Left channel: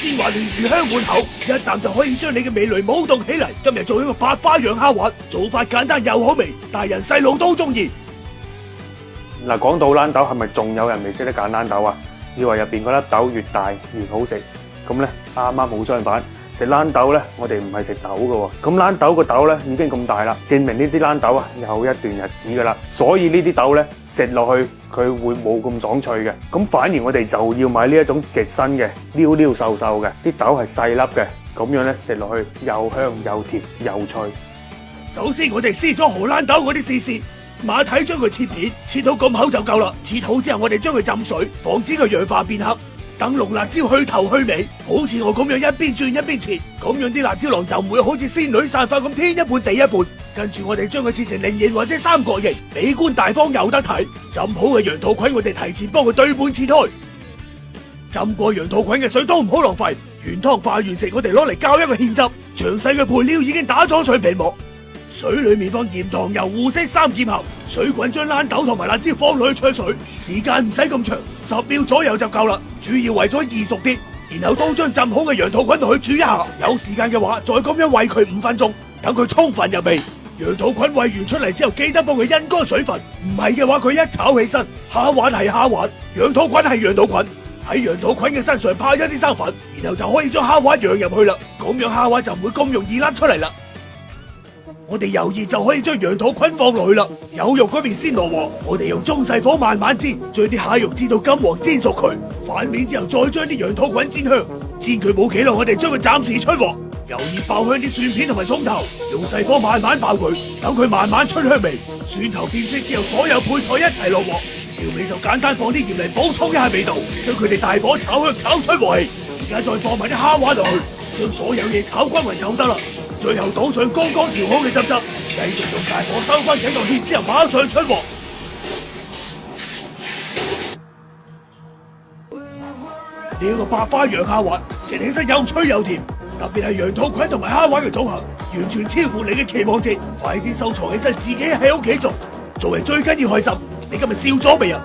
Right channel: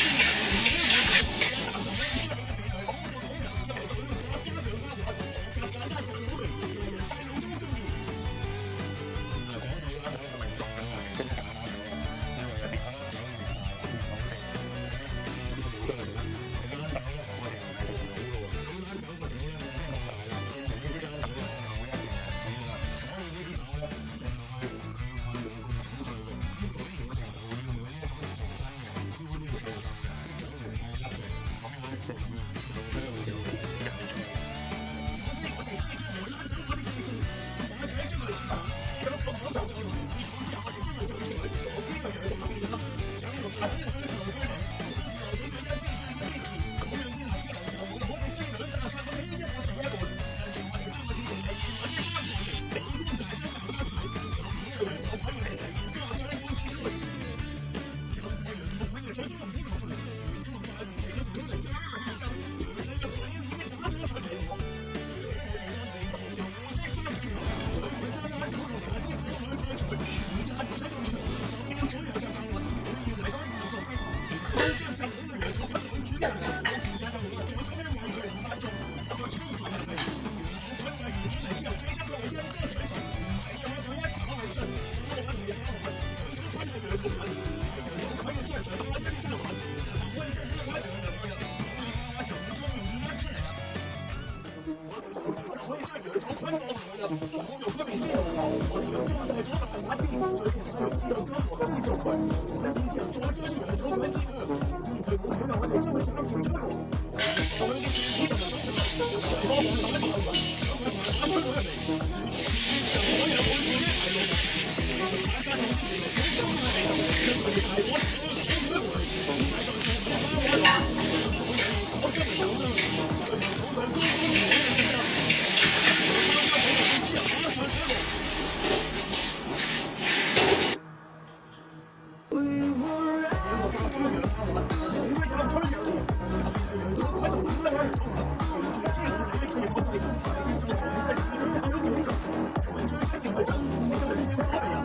鮮滑嫩，魚香滿口，一啖就可以將你嘅味蕾舞動起嚟。今日做一個白花羊蝦滑，做法簡單又好味，大人細路都中意。嗱，講到豌豆，係咪仲有人未識得揀豌豆啊？以為入邊嗰粒豆越大越好食，咁咧啱啱好相反。食豌豆咧，我哋唔係食豆嘅喎。咁豌豆個豆咧已經咁大啦，證明呢啲豌豆啊有一段日子噶啦。所以呢啲豆咧食落去佢會冇咁爽脆嘅。咁反而我哋就要買呢一種極新嘅溜溜瘦瘦嘅，啲豆係細粒嘅，咁樣咧食落去又香又甜又脆。首先我哋撕咗荷蘭豆嗰啲絲，馬蹄將佢切片，切到咁厚就夠啦。切好之後，我哋將佢浸水，防止佢氧化變黑。等龍辣椒去頭去尾，好似我咁樣一邊轉一邊切，咁樣啲辣椒囊就唔會好似仙女散花咁天一半地一半。跟住我哋將佢切成菱形或者三角形，美觀大方有得睇。浸好嘅羊肚菌我哋提前幫佢對半切開。浸過羊肚菌嘅水都唔好浪費，原湯化完食我哋攞嚟校一個芡汁。詳細嘅配料已經打咗水皮膜。水裏面放鹽、糖、油、胡色3劍後，水滾將豌豆同埋辣椒放落去焯水，時間唔使咁長，10秒左右就夠啦。主要為咗易熟啲，然後都將浸好嘅羊肚菌同佢煮一下。有時間嘅話，再咁樣燴佢5分鐘，等佢充分入味。羊肚菌燴完出嚟之後，記得幫佢陰乾水分，唔係嘅話佢一炒起身，蝦滑係蝦滑，羊肚菌係羊肚菌。喺羊肚菌嘅身上派一啲生粉，然後就可以將蝦滑釀入去啦。咁樣蝦滑就唔會咁容易甩出嚟啦。我哋油熱就可以將羊肚菌放落去啦。有肉嗰邊先落鑊，我哋用中細火慢慢煎，將啲蟹肉煎到金黃，煎熟佢。反面之後再將啲羊肚菌煎香，煎佢冇幾耐，我哋將佢暫時出鑊。油熱爆香啲蒜片同埋葱頭，用細火慢慢爆佢，等佢慢慢出香味。蒜頭變色之後，所有配菜一齊落鑊。調味就簡單，放啲鹽嚟補充一下味道，將佢哋大火炒香，炒出鑊氣。而家再放埋啲蝦滑落去，將所有嘢炒均勻就得啦。最後倒上剛剛調好嘅汁汁，繼續用大火收翻緊個芡之後，馬上出鑊。呢個白花羊蝦滑食起身又脆又甜，特別係羊肚菌同埋蝦滑嘅組合，完全超乎你嘅期望值。快啲收藏起身，自己喺屋企做。做人最緊要開心。你今日笑咗未啊？